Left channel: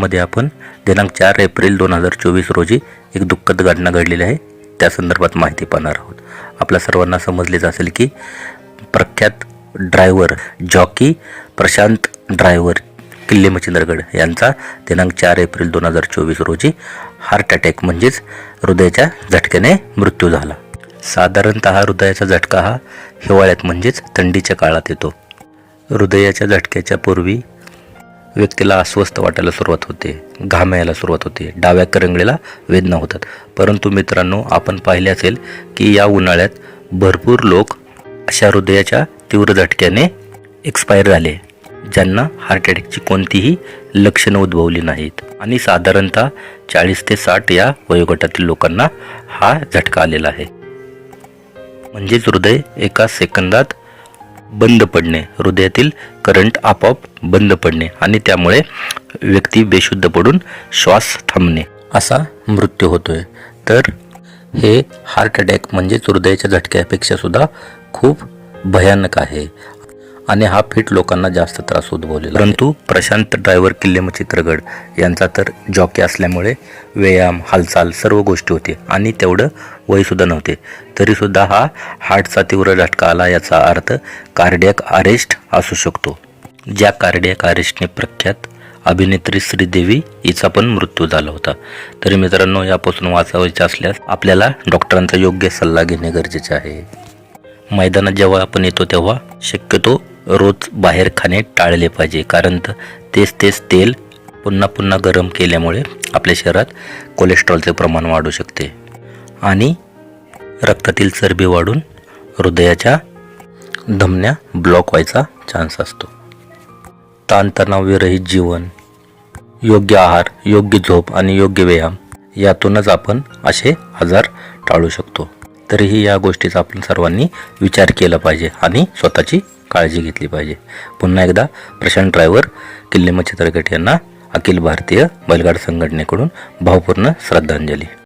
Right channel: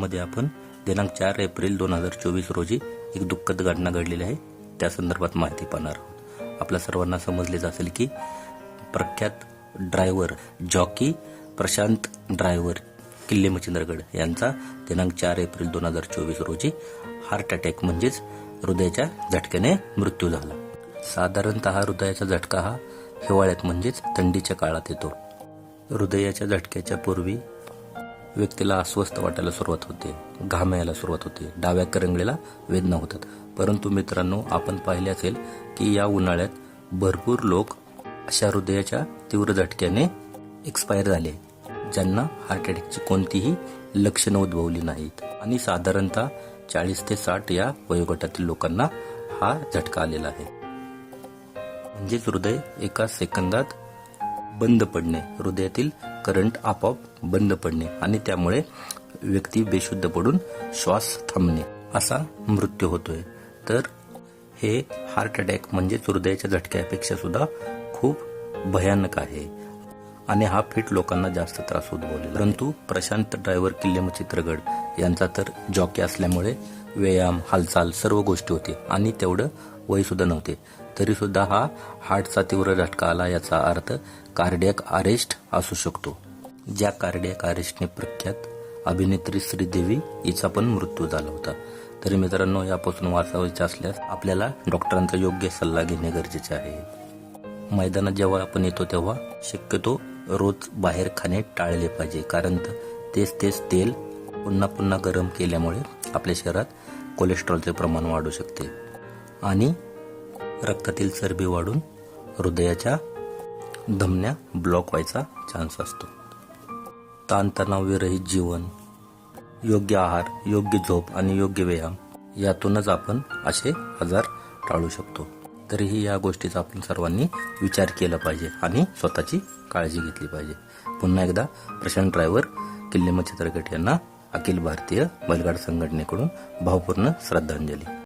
मध्ये आपण दिनांक चार एप्रिल दोन हजार चोवीस रोजी एक दुःखद घटना घडलेली आहे. त्या संदर्भात माहिती पाहणार आहोत. आपल्या सर्वांना समजलेच असेल की प्रख्यात ड्रायव्हर जॉकी प्रशांत ड्रायव्हर किल्ले मच्छिंद्रगड यांचा दिनांक चार एप्रिल दोन हजार चोवीस रोजी हार्ट अटॅक म्हणजेच हृदयाच्या झटक्याने मृत्यू झाला. साधारणत हृदयाचा झटका हा हिवाळ्यात म्हणजेच थंडीच्या काळात येतो. हृदयाच्या झटक्याच्या पूर्वी व्यक्तीला अस्वस्थ वाटायला सुरुवात होते घाम यायला सुरुवात होते डाव्या करंगळीला वेदना होतात. परंतु मित्रांनो आपण पाहिले असेल की या उन्हाळ्यात भरपूर लोक अशा हृदयाच्या तीव्र झटक्याने एक्सपायर झाले ज्यांना हार्ट अटॅकची कोणतीही लक्षणं उद्भवली नाहीत. आणि साधारणतः चाळीस ते साठ या वयोगटातील लोकांना हा झटका आलेला आहे. म्हणजेच हृदय एका सेकंदात बंद पडणे. हृदयातील करंट आपोआप बंद पडणे आणि त्यामुळे व्यक्ती बेशुद्ध पडून श्वास थांबणे असा मृत्यू होतोय. तर हे हार्ट अटॅक म्हणजेच हृदयाच्या झटक्यापेक्षा सुद्धा खूप भयानक आहे. आणि हा फिट लोकांना जास्त त्रास उद्भवलेला परंतु प्रशांत ड्रायव्हर किल्लेम चित्रगड यांचा तर जॉकी असल्यामुळे व्यायाम हालचाल सर्व गोष्टी होती आणि तेवढं वयसुद्धा नव्हते. तरीसुद्धा हा हार्टचा तीव्र झटका आला याचा अर्थ कार्डियक अरेस्ट असू शकतो. ज्या कार्डियक अरेस्टने प्रख्यात अभिनेत्री श्रीदेवी हिचा पण मृत्यू झाला होता. तरी मित्रांनो यापासून वाचावायचे असल्यास आपल्याला डॉक्टरांचा योग्य सल्ला घेणे गरजेचे आहे. मैदानात जेव्हा आपण येतो तेव्हा शक्यतो रोज बाहेर खाणे टाळले पाहिजे. कारण तेच तेच तेल पुन्हा पुन्हा गरम केल्यामुळे आपल्या शरीरात कोलेस्ट्रॉलचे प्रमाण वाढू शकते. आणि रक्तातील चरबी वाढून हृदयाच्या धमन्या ब्लॉक व्हायचा चान्स असतो. ताणतणावविरहित जीवन योग्य आहार योग्य झोप आणि योग्य व्यायाम यातूनच आपण असे आजार टाळू शकतो. तरीही या गोष्टीचा आपण सर्वांनी विचार केला पाहिजे आणि स्वतःची काळजी घेतली पाहिजे. पुन्हा एकदा प्रशांत ड्रायव्हर किल्ले चित्रगट यांना अखिल भारतीय बैलगाड संघटनेकडून भावपूर्ण श्रद्धांजली.